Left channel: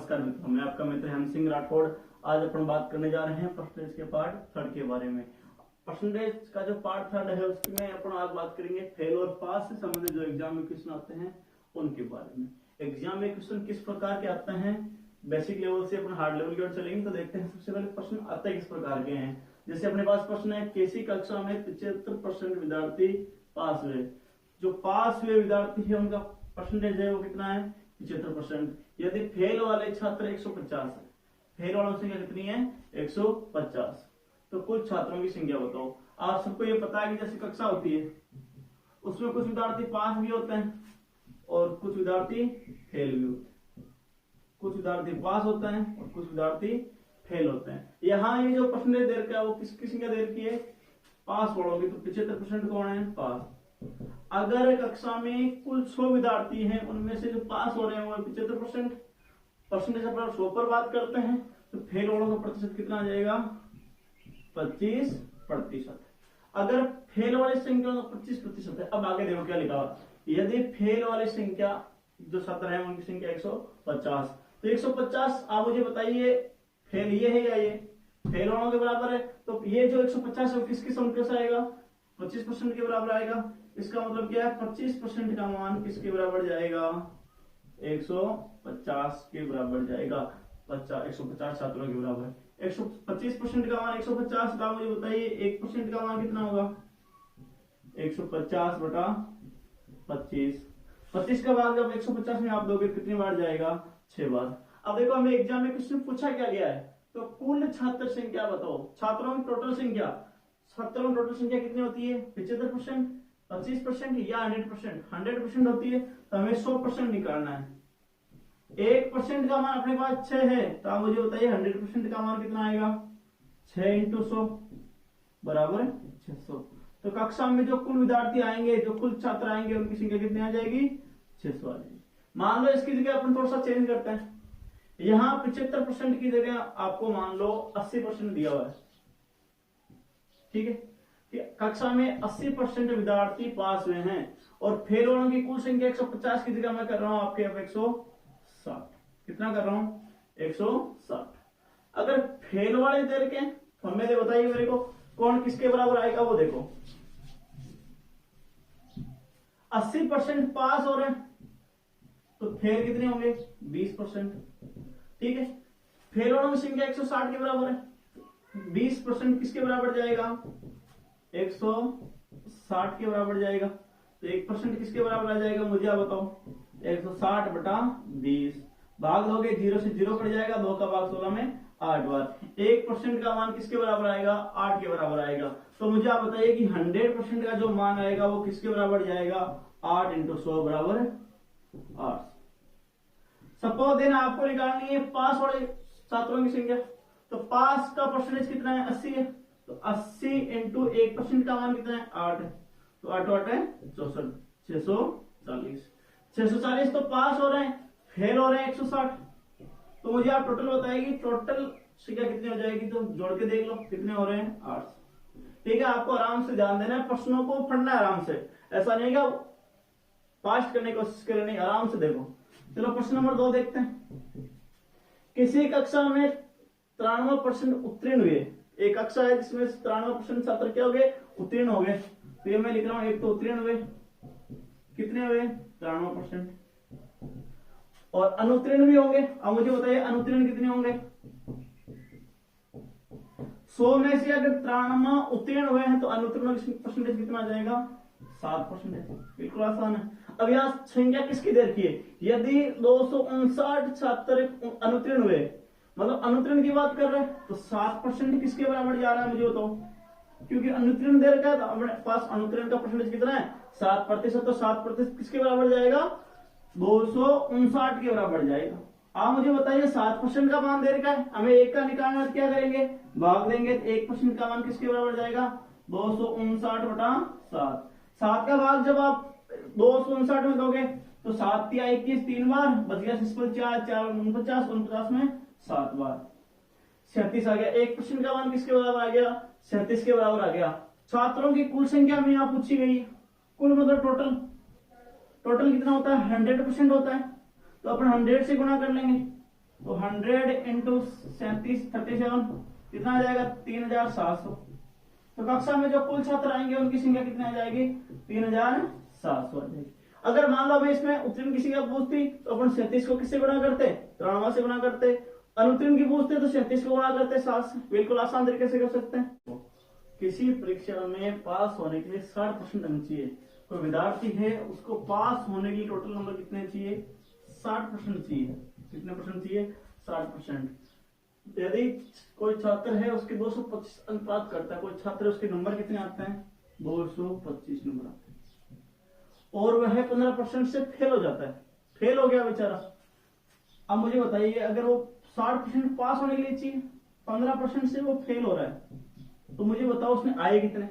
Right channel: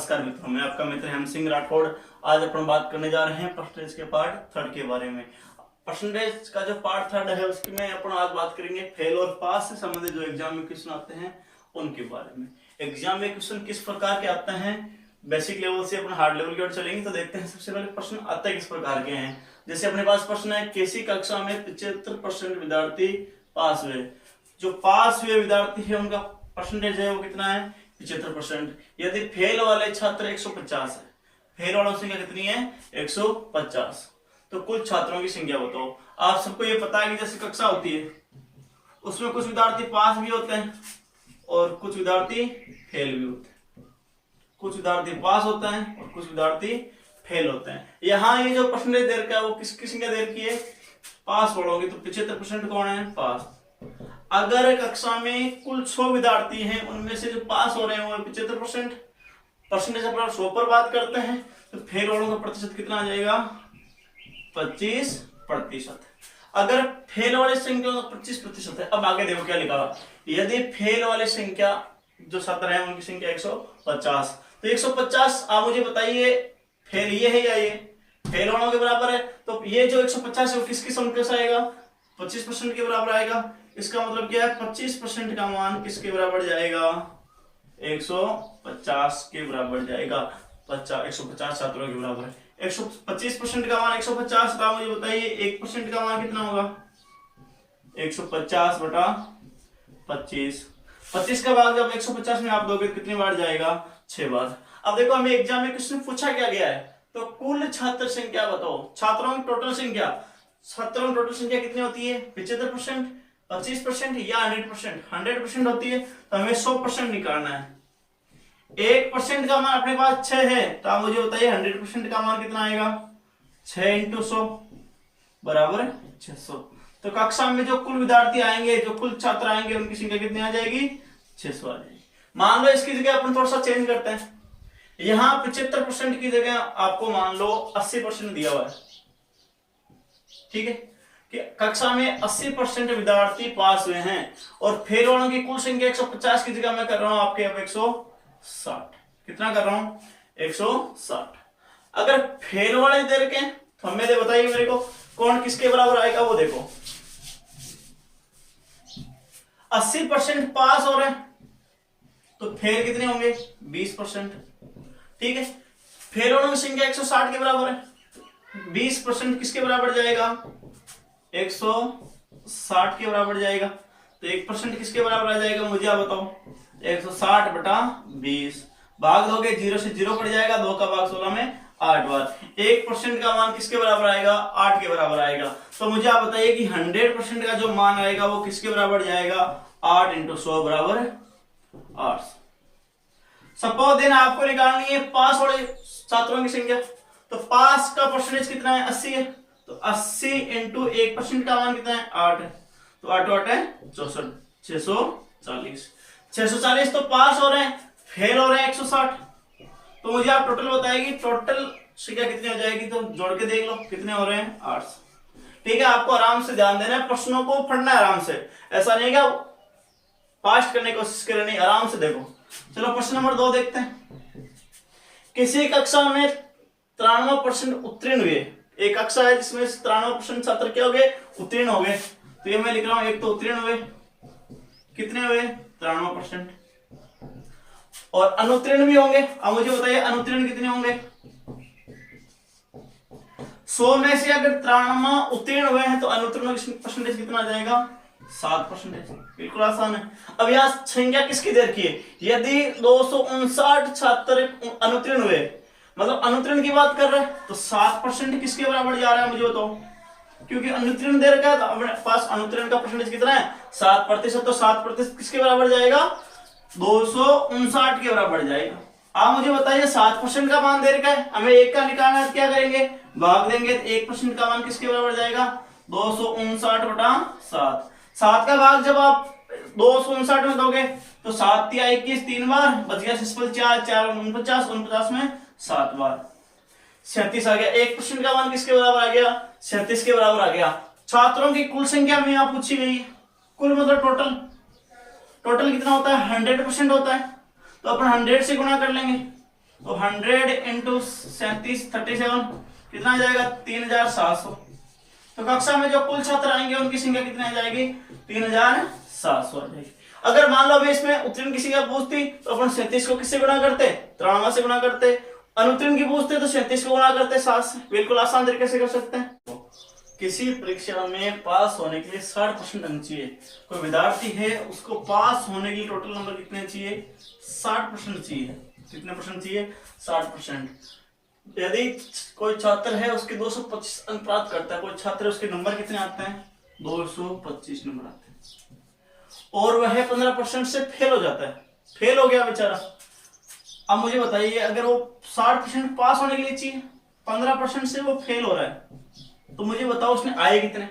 नमस्कार मित्रों, मैं आपका मित्र हेम सिंह राठौड़। आज अपन बात करने जा रहे हैं परसेंटेज के पार्ट थर्ड के बारे में। परसेंटेज का जो पार्ट थर्ड है उसमें अपन आज बात करेंगे फेल और पास से संबंधित जो एग्जाम में क्वेश्चन आते हैं उनके बारे में। एग्जाम में क्वेश्चन किस प्रकार के आते हैं, बेसिक लेवल से अपन हार्ड लेवल की ओर चलेंगे तो देखते हैं सबसे पहले प्रश्न आते हैं किस प्रकार के हैं। जैसे अपने पास प्रश्न है, किसी कक्षा में 75% विद्यार्थी पास हुए। जो पास हुए विद्यार्थी है उनका परसेंटेज है वो कितना है, 75%। यदि फेल वाले छात्र 150 है, फेल वालों की संख्या कितनी है, 150। तो कुल छात्रों की संख्या बताओ। आप सबको ये पता है कि जैसे कक्षा होती है उसमें कुछ विद्यार्थी पास भी होते हैं और कुछ विद्यार्थी फेल भी होते हैं। कुछ विद्यार्थी पास होते हैं और कुछ विद्यार्थी फेल होते हैं। यहाँ ये जो परसेंटेज दे रखा है वो किसकी संख्या दे रखी है, पास वालों की। तो 75% कौन है, पास। अगर कक्षा में कुल 100 विद्यार्थी हैं, उनमें से जो पास हो रहे हैं वो 75%। परसेंटेज अपन 100 पर बात करते हैं तो फेल वालों का प्रतिशत कितना आ जाएगा, 25%। अगर फेल वाली संख्या 25% है, अब आगे देखो क्या लिखा हुआ। यदि फेल वाली संख्या जो छात्र है उनकी संख्या 150, तो 150 आप मुझे बताइए फेल ये है या ये फेल वालों के बराबर है। तो ये जो 150 है वो किसकी संख्या से आएगा, 25% के बराबर आएगा। इसका मतलब क्या है, 25% का मान किसके बराबर जाएगा, 150 के बराबर जाएगा। 150 छात्रों के बराबर है। 125% का मान 150 का, मुझे बताइए 1% का मान कितना होगा, 150 बटा 25। 25 का भाग जब 150 में आप दोगे कितनी बार जाएगा, 6 बार। अब देखो हमें एग्जाम में क्वेश्चन पूछा क्या गया है, तो कुल छात्र संख्या बताओ। छात्रों की टोटल संख्या, छात्रों की टोटल संख्या कितनी होती है, 75%, 25% या 100%। 100% होती है तो हमें 100% निकालना है। 1% का मान अपने पास 6 है, तो आप मुझे बताइए 100% का मान कितना आएगा, 6 × 100 बराबर 600। तो कक्षा में जो कुल विद्यार्थी आएंगे, जो कुल छात्र आएंगे, उनकी संख्या कितनी आ जाएगी, 600 आ जाएगी। मान लो इसकी जगह अपन थोड़ा सा चेंज करते हैं। यहाँ 75% की जगह आपको मान लो 80% दिया हुआ है, ठीक है, कि कक्षा में 80% विद्यार्थी पास हुए हैं और फेल वालों की कुल संख्या 150 की जगह मैं कर रहा हूं आपके अब 160। कितना कर रहा हूं, 160। अगर फेल वाले दे रखे तो हमें दे बताइए मेरे को कौन किसके बराबर आएगा, वो देखो 80% पास हो रहे हैं तो फेल कितने होंगे, 20%, ठीक है। फेल वालों की संख्या 160 के बराबर है, 20% किसके बराबर जाएगा, 160 के बराबर जाएगा। तो 1% किसके बराबर आ जाएगा, मुझे आप बताओ, 160 बटा 20। भाग दोगे 0 से 0 कट जाएगा, 2 का भाग 16 में 8 बार। 1% का मान किसके बराबर आएगा, 8 के बराबर आएगा। तो मुझे आप बताइए कि 100% का जो मान आएगा वो किसके बराबर जाएगा, 8 × 100 बराबर 8। सपोज देन आपको निकालनी है पास वाले छात्रों की संख्या। तो पास का परसेंटेज कितना है, 80 है, तो 80 × 1% का मान कितना है, 8 है। तो 8 8 है 64, 640। 640 तो पास हो रहे हैं, फेल हो रहे हैं 160। तो मुझे आप टोटल बताएगी, टोटल संख्या कितनी हो जाएगी, तो जोड़ के देख लो कितने हो रहे हैं, 8। ठीक है, आपको आराम से ध्यान देना है, प्रश्नों को पढ़ना है आराम से। ऐसा नहीं है फास्ट करने की कोशिश करें, नहीं, आराम से देखो। चलो प्रश्न नंबर 2 देखते हैं। किसी कक्षा में 93% उत्तीर्ण हुए। एक कक्षा है जिसमें 93% छात्र क्या हो गए, उत्तीर्ण हो गए। तो ये मैं लिख रहा हूं, एक तो उत्तीर्ण हुए, कितने हुए, 93%, और अनुत्तीर्ण भी होंगे। अब मुझे बताइए अनुत्तीर्ण कितने होंगे। 100 में से अगर 93 उत्तीर्ण हुए हैं तो अनुत्तीर्ण परसेंटेज कितना आ जाएगा, 7%। बिल्कुल आसान है। अब यहाँ संख्या किसकी दे रखी है, यदि 259 छात्र अनुत्तीर्ण हुए, मतलब अनुत्तीर्ण की बात कर रहे हैं, तो 7% किसके बराबर जा रहा है, मुझे बताओ। क्योंकि अनुत्तीर्ण दे रखा है तो अपने पास अनुत्तीर्ण का परसेंटेज कितना है, 7%। तो 7% किसके बराबर जाएगा, 259 के बराबर जाएगा। आप मुझे बताइए 7% का मान दे रखा है, हमें 1 का निकालना है, क्या करेंगे, भाग देंगे। 1% का मान किसके बराबर जाएगा, 259 बटा 7। 7 का भाग जब आप 259 में दोगे तो 7 × 21 3 बार, बच गया 4 4 49, 49 में 7 बार, 37 आ गया। 1% का मान किसके बराबर आ गया, 37 के बराबर आ गया। छात्रों की कुल संख्या में यहाँ पूछी गई है, कुल मतलब टोटल। टोटल कितना होता है, 100% होता है, तो अपन 100 से गुणा कर लेंगे। तो 100 इंटू 37 कितना आ जाएगा 3700। तो कक्षा में जो कुल छात्र आएंगे उनकी संख्या कितनी आ जाएगी 3700 आ जाएगी। अगर मान लो हमें इसमें उत्तीर्ण की संख्या पूछती तो अपन 37 को किससे गुणा करते 93 से गुणा करते, अनुत्तीर्ण की पूछते तो 37 को गुणा करते 7 से। बिल्कुल आसान तरीके से कर सकते हैं। किसी परीक्षा में पास होने के लिए 60% अंक चाहिए। कोई विद्यार्थी है उसको पास होने के लिए टोटल नंबर कितने चाहिए 60% चाहिए। कितने परसेंट चाहिए 60%। यदि कोई छात्र है उसके 225 अंक प्राप्त करता है, कोई छात्र उसके नंबर कितने आते हैं 225 नंबर आते हैं, और वह 15% से फेल हो जाता है, फेल हो गया बेचारा। अब मुझे बताइए अगर वो 60% पास होने के लिए चाहिए, 15% से वो फेल हो रहा है, तो मुझे बताओ उसने आए कितने।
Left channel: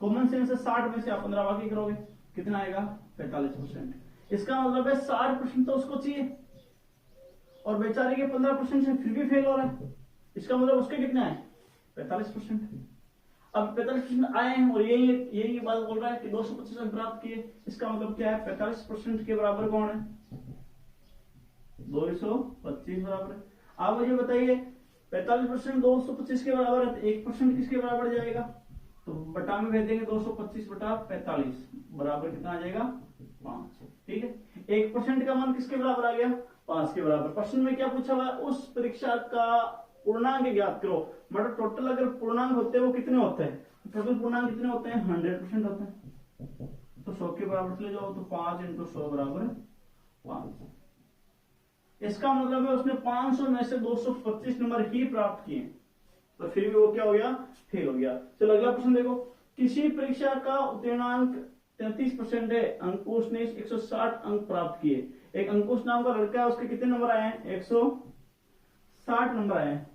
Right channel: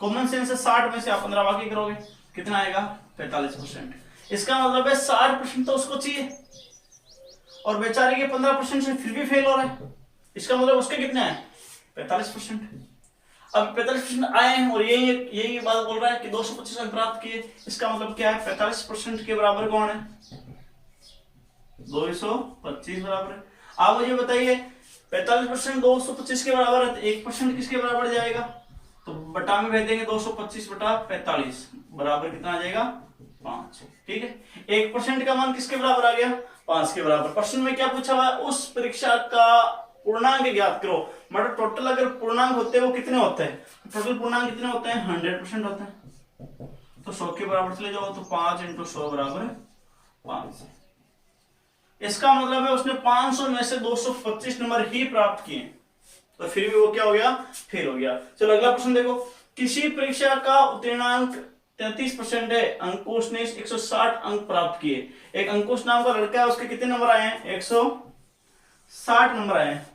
कॉमन सेंस से 60 में से आप 15 बाकी करोगे कितना आएगा 45%। इसका मतलब है 60% तो उसको चाहिए और बेचारे के 15% से फिर भी फेल हो रहा है। इसका मतलब उसके कितने आए 45%। अब 45% आए हैं और यही बात बोल रहा है कि 225 अंक प्राप्त किए। इसका मतलब क्या है 45% के बराबर कौन है 225 बराबर है। आप मुझे बताइए 45% 225 के बराबर है तो 1% किसके बराबर जाएगा, तो बटा में भेज देंगे 225 बटा 45 बराबर कितना आ जाएगा 5। ठीक है 1% का मान किसके बराबर आ गया 5 के बराबर। प्रश्न में क्या पूछा हुआ है उस परीक्षा का पूर्णांक ज्ञात करो। मतलब टोटल अगर पूर्णांक होते हैं वो कितने होते हैं, टोटल पूर्णांक कितने होते हैं 100% होते हैं। तो 100 के बराबर चले जाओ तो 5 इंटू 100 बराबर 5। इसका मतलब है उसने 500 में से 225 नंबर ही प्राप्त किए और फिर भी वो क्या हो गया फेल हो गया। चलो अगला प्रश्न देखो। किसी परीक्षा का उत्तीर्णांक 33% है, अंकुश ने 160 अंक प्राप्त किए। एक अंकुश नाम का लड़का है उसके कितने नंबर आए हैं 160 नंबर आए हैं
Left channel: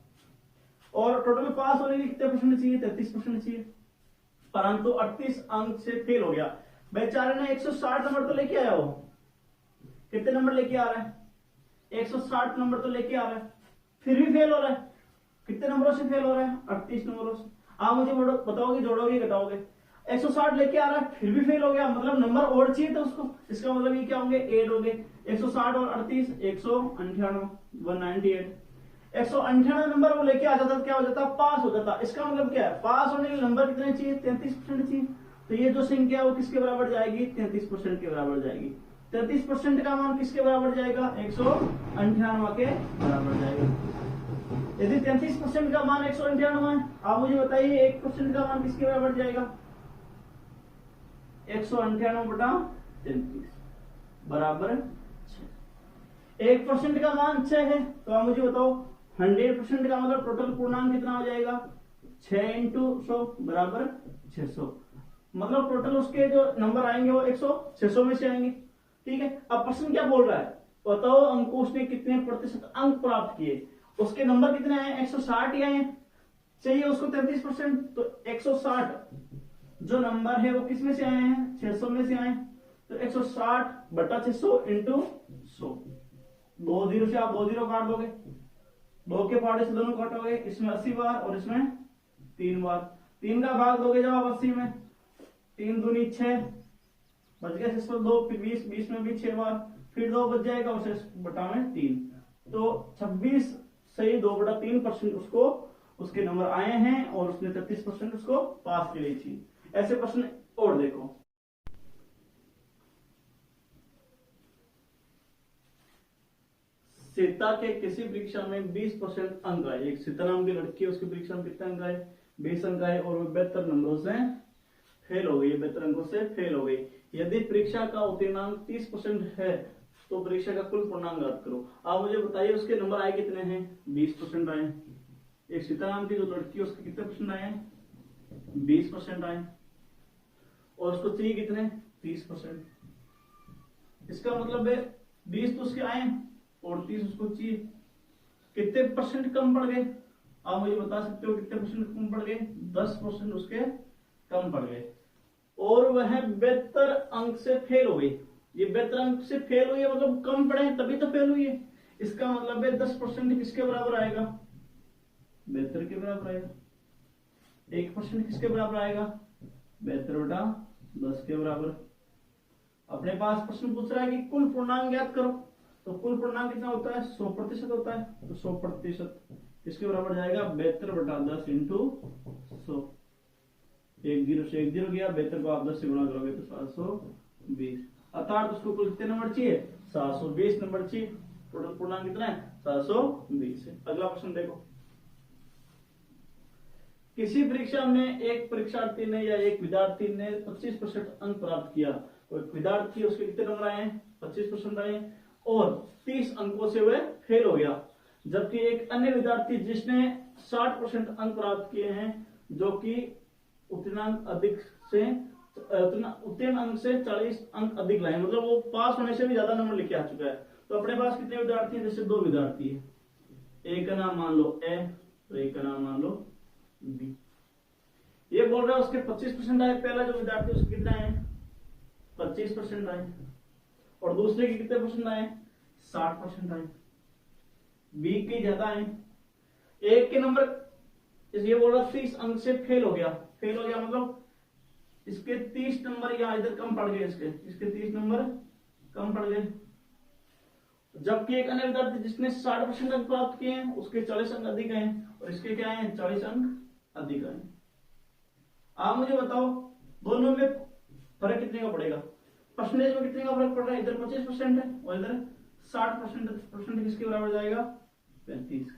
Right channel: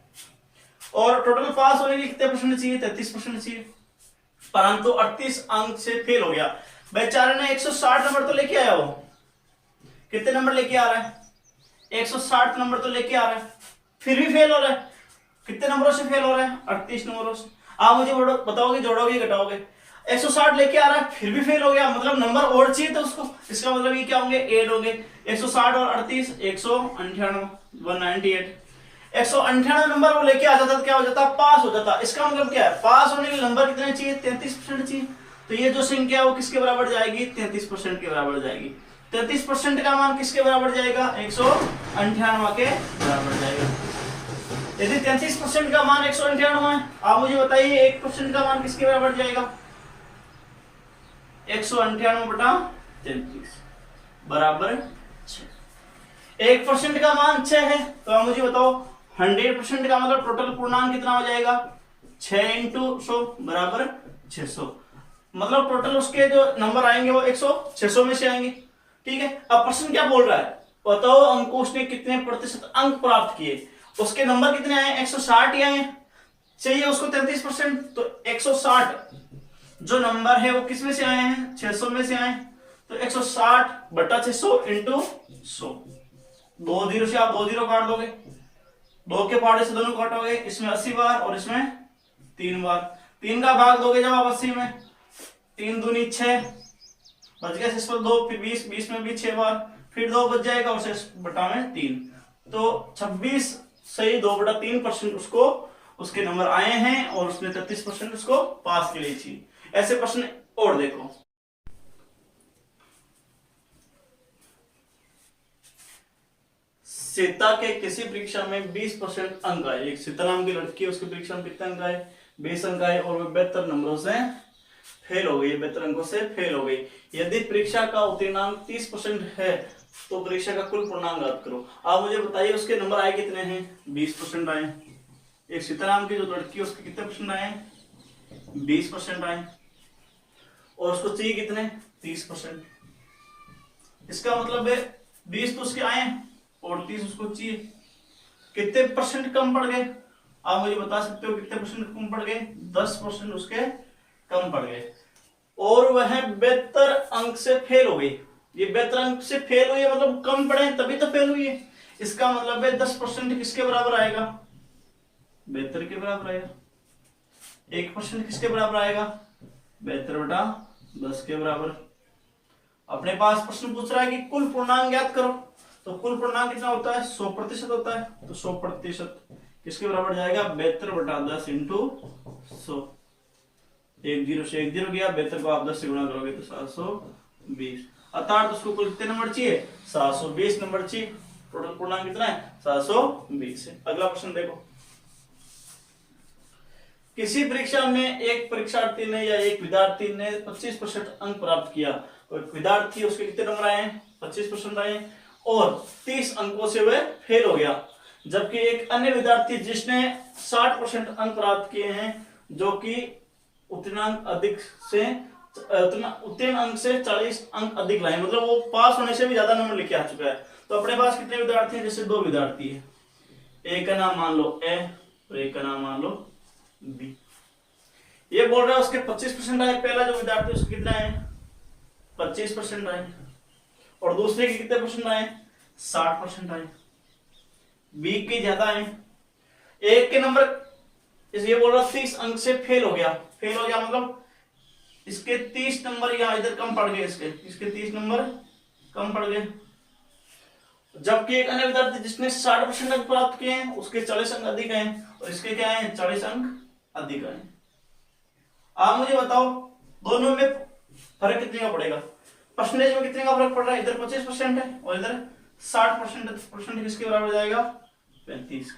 और टोटल पास होने के लिए कितने परसेंट चाहिए 33% चाहिए, परंतु 38 अंक से फेल हो गया। बेचारे ने 160 नंबर तो लेके आया, वो कितने नंबर लेके आ रहा है 160 नंबर तो लेके आ रहा है, फिर भी फेल हो रहा है। कितने नंबरों से फेल हो रहा है 38 नंबरों से। आप मुझे बताओगे जोड़ोगे घटाओगे 160 लेके आ रहा है फिर भी फेल हो गया, मतलब नंबर और चाहिए था उसको। इसका मतलब ये क्या होंगे 8 होंगे 160 और 38 198 198 नंबर वो लेके आ जाता तो क्या हो जाता पास हो जाता। इसका मतलब क्या है पास होने के लिए नंबर कितने चाहिए 33% चाहिए। तो ये जो संख्या है वो किसके बराबर जाएगी 33% के बराबर जाएगी। 33% का मान किसके बराबर जाएगा 198 के बराबर जाएगा। यदि 33% का मान 198 है, आप मुझे बताइए 1% का मान किसके बराबर जाएगा 198 बटा 33 बराबर 6। 1% का मान 6 है तो आप मुझे बताओ 100% का मतलब टोटल पूर्णांक कितना हो जाएगा 6 इंटू 100 बराबर 600। मतलब टोटल उसके जो नंबर आएंगे वो 600 में से आएंगे। ठीक है अब प्रश्न क्या बोल रहा है बताओ अंकुश ने कितने प्रतिशत अंक प्राप्त किए। उसके नंबर कितने आए 160 ही आए, चाहिए उसको 33%। तो 160 जो नंबर है वो किस में से आए हैं 600 में से आए, तो 160 बटा 600 इंटू 100। 2 जीरो से आप 2 जीरो काट दोगे, 2 के पहाड़े से दोनों काटोगे, इसमें 80 बार और इसमें 3 बार। 3 का भाग दोगे जब आप 80 में 3 दूनी 6 बच गया 6 पर 2 फिर 20 में भी 6 बार फिर 2 बच जाएगा और 6 बटा में 3 तो 26 सही 2/3% उसको उसके नंबर आए हैं और उसने 33% उसको पास के लिए चाहिए। ऐसे प्रश्न और देखो। सीता के किसी परीक्षा में 20% अंक आए। एक सीता नाम की लड़की है उसकी परीक्षा में कितने अंक आए 20 अंक आए और वह 72 नंबरों से फेल हो गई, 72 अंकों से फेल हो गई। यदि परीक्षा का उत्तीर्णांक 30% है तो परीक्षा का कुल पूर्णांक ज्ञात करो। आप मुझे बताइए उसके नंबर आए कितने हैं 20% आए। एक सीता नाम की जो लड़की है उसके कितने परसेंट आए 20% आए और उसको चाहिए कितने 30%। इसका मतलब है 20 तो उसके आए और 30 उसको चाहिए। कितने परसेंट कम पड़ गए आप मुझे बता सकते हो कितने परसेंट कम पड़ गए 10% उसके कम पड़ गए और वह 72 अंक से फेल हो गई। ये 72 अंक से फेल हुई है मतलब कम पड़े तभी तो फेल हुई है। इसका मतलब है 10% किसके बराबर आएगा 72 के बराबर आएगा। 1% किसके बराबर आएगा 72 बटा 10 के बराबर। अपने पास प्रश्न पूछ रहा है कि कुल पूर्णांक ज्ञात करो तो कुल पूर्णांक कितना होता है, 100% होता है। तो 100% किसके बराबर जाएगा, 72/10 इंटू 100। 10 से 1 0 गया, 72 को आप 10 से गुणा करोगे तो 720। अर्थात उसको कुल कितने नंबर चाहिए, 720 नंबर चाहिए। टोटल पूर्णांक कितना है, 720 है। अगला प्रश्न देखो, किसी परीक्षा में एक परीक्षार्थी ने या एक विद्यार्थी ने 25% अंक प्राप्त किया। तो एक विद्यार्थी, उसके कितने नंबर आए हैं, 25% आए, और 30 अंकों से वह फेल हो गया। जबकि एक अन्य विद्यार्थी जिसने 60% अंक प्राप्त किए हैं, जो कि उत्तीर्ण अंक से 40 अंक अधिक लाए, मतलब वो पास होने से भी ज्यादा नंबर लेके आ चुका है। तो अपने पास कितने विद्यार्थी हैं, जैसे 2 विद्यार्थी है, एक का नाम मान लो ए और एक का नाम मान लो बी। ये बोल रहा है उसके 25% आए, पहला जो विद्यार्थी उसके कितना आए, 25% आए, और दूसरे के कितने परसेंट आए, 60% आए। बी के ज्यादा आए, एक के नंबर ये बोल रहा 30 अंक से फेल हो गया। फेल हो गया मतलब इसके 30 नंबर या इधर कम पड़ गए, इसके 30 नंबर कम पड़ गए। जबकि एक अन्य विद्यार्थी जिसने 60% अंक प्राप्त किए हैं, उसके 40 अंक अधिक आए, और इसके क्या है, 40 अंक अधिक आए। आप मुझे बताओ दोनों में फर्क कितने का पड़ेगा, परसेंटेज में कितने का फर्क पड़ रहा है। इधर 25% है और इधर 60%। किसके बराबर जाएगा, 35।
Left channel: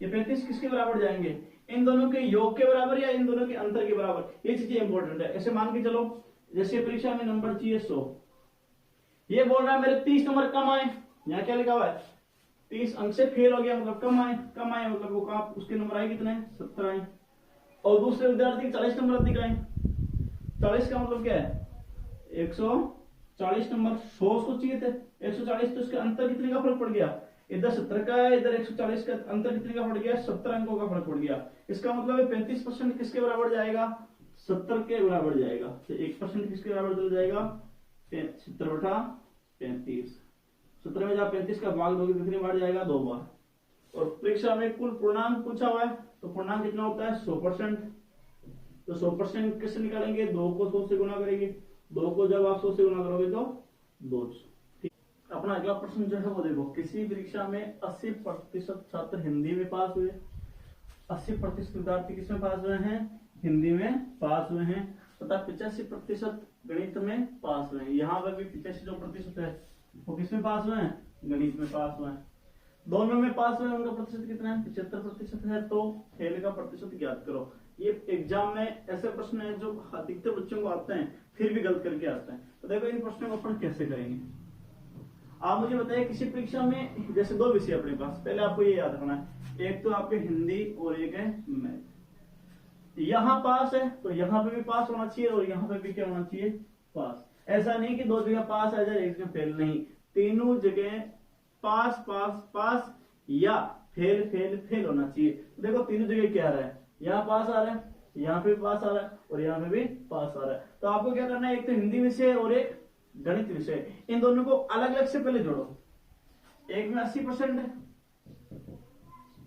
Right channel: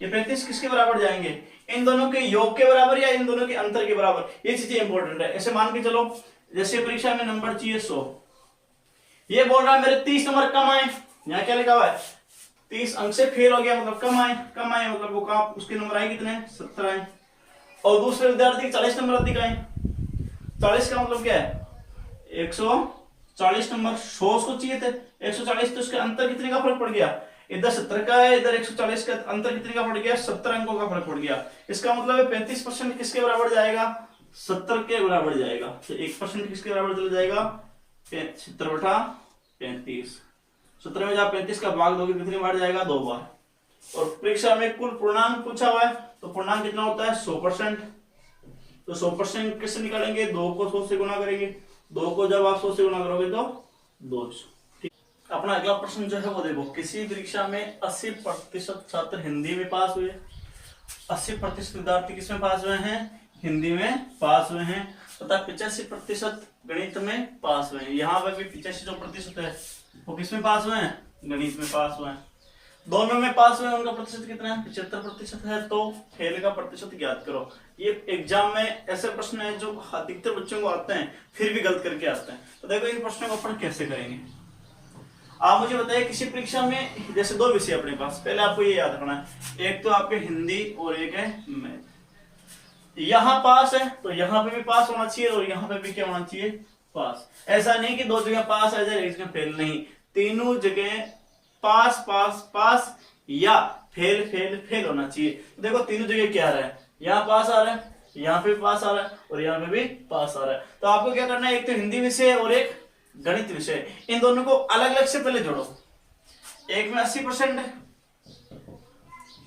ये 35 किसके बराबर जाएंगे, इन दोनों के योग के बराबर या इन दोनों के अंतर के बराबर। ये चीजें इंपॉर्टेंट है। ऐसे मान के चलो, जैसे परीक्षा में नंबर चाहिए 100, ये बोल रहा है मेरे 30 नंबर कम आए। यहाँ क्या लिखा हुआ है, 30 अंक से फेल हो गया मतलब कम आए। कम आए मतलब वो कम, उसके नंबर आए कितने, 70 आए। और दूसरे विद्यार्थी के 40 नंबर अधिक आए। 40 का मतलब क्या है, 140 नंबर। 100 उसको चाहिए थे, 140, तो उसके अंतर कितने का फर्क पड़ गया, इधर 70 का है, इधर 140 का, अंतर कितने का पड़ गया, 70 अंकों का फर्क पड़ गया। इसका मतलब है 35% किसके बराबर जाएगा, 70 के बराबर जाएगा। तो 1% किसके बराबर चला जाएगा, 70/35। 70 में जब 35 का भाग दोगे कितनी बार जाएगा, 2 बार। और परीक्षा में कुल पूर्णांक पूछा हुआ है, तो पूर्णांक कितना होता है, 100%। तो 100% कैसे निकालेंगे, 2 को 100 से गुणा करेंगे। 2 को जब आप 100 से गुणा करोगे तो 200। अपना अगला प्रश्न जो है वो देखो, किसी परीक्षा में 80% छात्र हिंदी में पास हुए। 80% विद्यार्थी किसमें पास हुए हैं, हिंदी में पास हुए हैं, तथा 85% गणित में पास हुए हैं। यहाँ पर भी 85% है वो किसमें पास हुए हैं, गणित में पास हुए हैं। दोनों में पास हुए, उनका प्रतिशत कितना है, 75% है। तो फेल का प्रतिशत ज्ञात करो। ये एग्जाम में ऐसे प्रश्न है जो अधिकतर बच्चों को आते हैं, फिर भी गलत करके आते हैं। तो देखो इन प्रश्नों को अपन कैसे करेंगे। आप मुझे बताइए, किसी परीक्षा में जैसे 2 विषय अपने पास, पहले आपको ये याद रखना है, एक तो आपके हिंदी और एक है मैथ। यहाँ पास है तो यहाँ पे भी पास होना चाहिए, और यहाँ पे भी क्या होना चाहिए, पास। ऐसा नहीं कि 2 जगह पास आ जाए, एक जगह फेल, नहीं, तीनों जगह पास पास पास या फेल फेल फेल होना चाहिए। देखो तीनों जगह क्या आ रहा है, यहाँ पास आ रहा है, यहाँ पे पास आ रहा है, और यहाँ पे भी पास आ रहा है। तो आपको क्या करना है, एक तो हिंदी विषय और एक गणित विषय, इन दोनों को अलग अलग से पहले जोड़ो। एक में 80% है,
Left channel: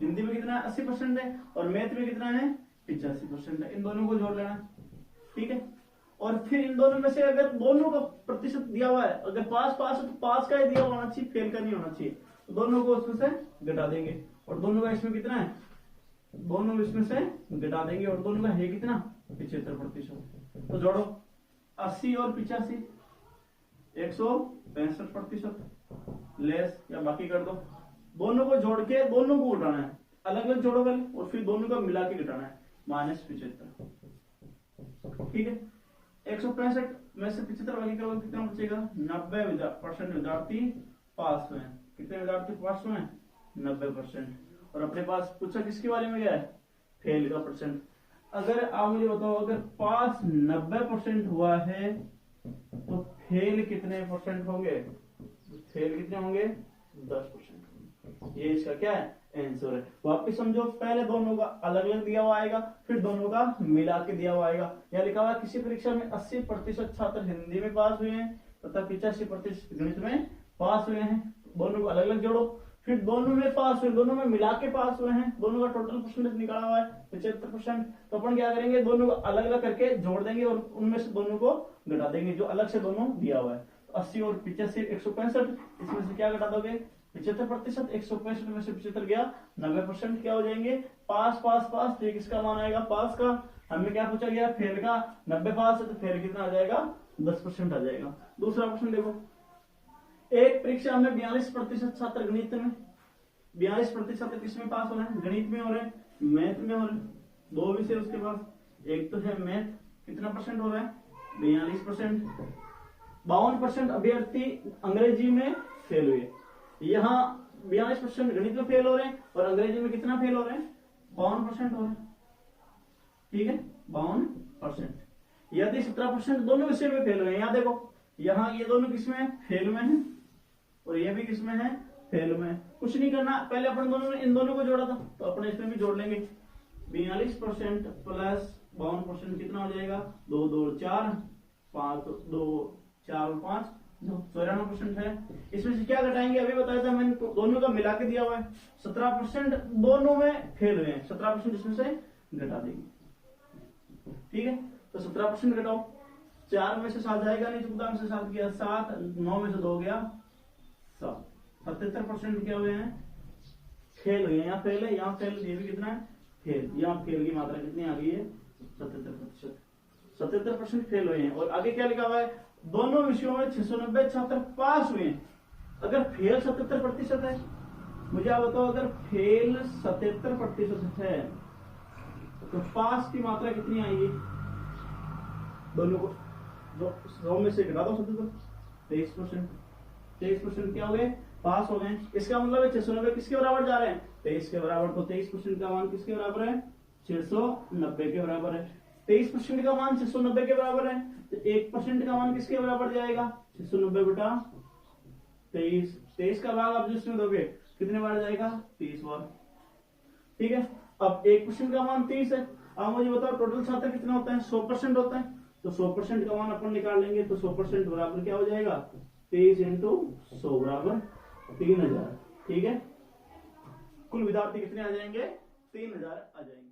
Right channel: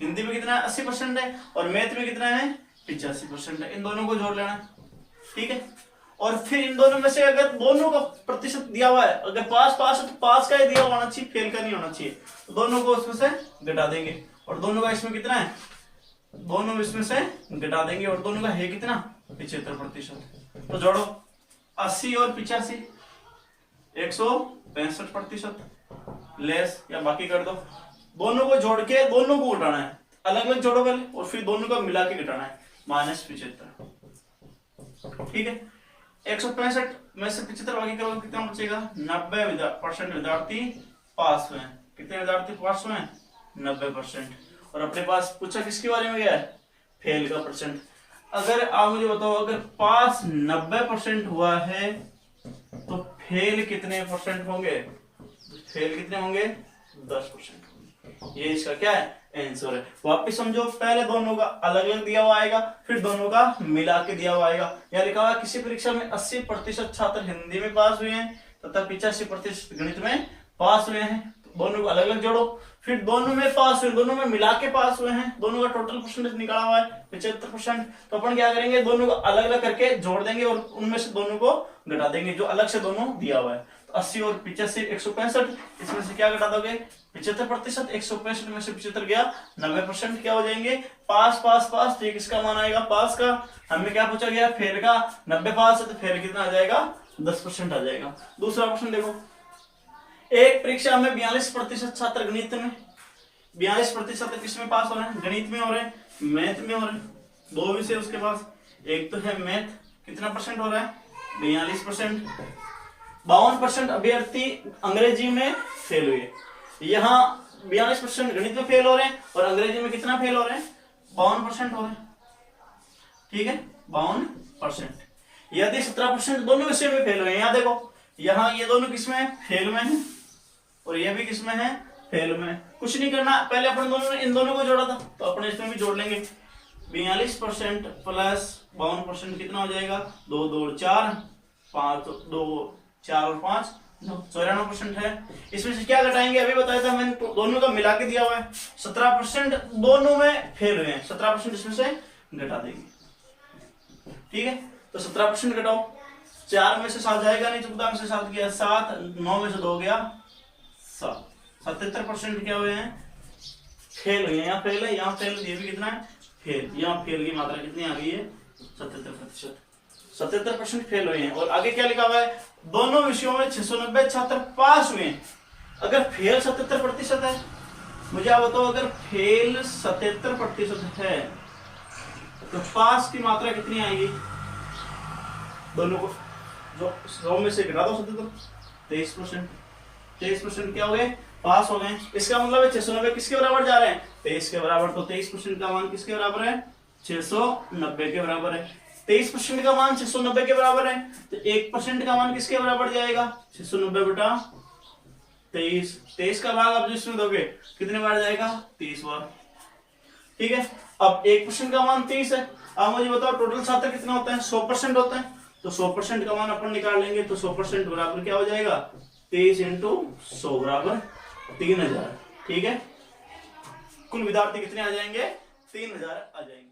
हिंदी में कितना है, 80% है, और मैथ में कितना है, 85% है। इन दोनों को जोड़ लेना, ठीक है। और फिर इन दोनों में से अगर दोनों का प्रतिशत दिया हुआ है, अगर पास पास है तो पास का ही दिया होना चाहिए, फेल का नहीं होना चाहिए। तो दोनों को उसमें से घटा देंगे, और दोनों का इसमें कितना है, दोनों इसमें से घटा देंगे, और दोनों का है कितना, 75%। तो जोड़ो 80 और 85, 165%, लेस या बाकी कर दो। दोनों को जोड़ के दोनों को घटाना है, अलग अलग जोड़ो पहले, और फिर दोनों का मिला के घटाना है, -75, ठीक है। 165 में से 75 बाकी करोगे कितना बचेगा, 90% विद्यार्थी पास हुए हैं। कितने विद्यार्थी पास हुए हैं, 90%। और अपने पास पूछा किसके बारे में गया है, फेल का परसेंट। अगर आप मुझे बताओ, अगर पास 90% हुआ है तो फेल कितने परसेंट होंगे, फेल कितने होंगे, 10%। ये इसका क्या है, आंसर है। वापिस समझो, पहले दोनों का अलग अलग दिया हुआ आएगा, फिर दोनों का मिला के दिया हुआ आएगा। यहाँ लिखा हुआ किसी परीक्षा में 80% छात्र हिंदी में पास हुए हैं तथा 85% गणित में पास हुए हैं। तो दोनों को अलग अलग जोड़ो, फिर दोनों में पास हुए, दोनों में मिला के पास हुए हैं, दोनों का टोटल परसेंटेज निकाला हुआ है 75%। तो अपन क्या करेंगे, दोनों को अलग अलग करके जोड़ देंगे, और उनमें से दोनों को घटा देंगे जो अलग से दोनों दिया हुआ है। तो 80 और 85 165, इसमें से क्या घटा दोगे 75%, 165 में से 75 गया 90%, क्या हो जाएंगे पास पास पास। तो ये किसका मान आएगा पास का। हमें क्या पूछा गया फेल का, 90 पास है तो फेल कितना आ जाएगा 10% आ जाएगा। दूसरा क्वेश्चन देखो, एक परीक्षा में 42% छात्र गणित में, 42% किसमें पास हो रहे हैं गणित में हो रहे हैं, मैथ में हो रहे हैं। दो विषय उसके पास, एक तो है मैथ, कितना परसेंट हो रहा है 42%। 52% अभ्यर्थी अंग्रेजी में फेल हुए। यहाँ 42% गणित में फेल हो रहे हैं और अंग्रेजी में कितना फेल हो रहे हैं 52% हो रहे हैं। ठीक है 52%। यदि 17% दोनों विषय में फेल हुए हैं, यहाँ देखो यहाँ ये दोनों किसमें फेल में है और ये भी किसमें है फेल में। कुछ नहीं करना, पहले अपन दोनों ने इन दोनों को जोड़ा था तो अपने इसमें भी जोड़ लेंगे। 42% प्लस 52% कितना हो जाएगा 2 2 4 5 2 4 और 5 94% है। इसमें से क्या घटाएंगे अभी बताया था मैंने, दोनों का मिला के दिया हुआ है। 17% दोनों में फेल हुए हैं, 17% इसमें से घटा देंगे। ठीक है तो 17% घटाओ, 4 में से 7 जाएगा नहीं, 14 में से 7 गया 7, 9 में से 2 गया 7, 77% क्या हुए हैं फेल हुए हैं। यहाँ फेल है, यहाँ फेल, ये भी कितना है फेल, यहाँ फेल की मात्रा कितनी आ गई है 77%। 77% फेल हुए हैं। और आगे क्या लिखा हुआ है दोनों विषयों में 690 छात्र पास हुए हैं। अगर फेल 77% है, मुझे आप बताओ अगर फेल 77% है तो पास की मात्रा कितनी आएगी, दोनों को जो 100 में से घटा दो 77, 23% क्या हो गए पास हो गए। इसका मतलब है 690 किसके बराबर जा रहे हैं 23 के बराबर। तो 23% का मान किसके बराबर है 690 के बराबर है। 23% का मान 690 के बराबर है तो 1% का मान किसके बराबर जाएगा 690 बटा 23। 23 का भाग आप जिसमें दोगे कितने बार जाएगा 30 बार। ठीक है अब 1% का मान 30 है। अब मुझे बताओ टोटल छात्र कितने होते हैं 100% होते हैं तो 100% का मान अपन निकाल लेंगे तो 100% बराबर क्या हो जाएगा 23 × 100 बराबर 3000। ठीक है कुल विद्यार्थी कितने आ जाएंगे 3000 आ जाएंगे।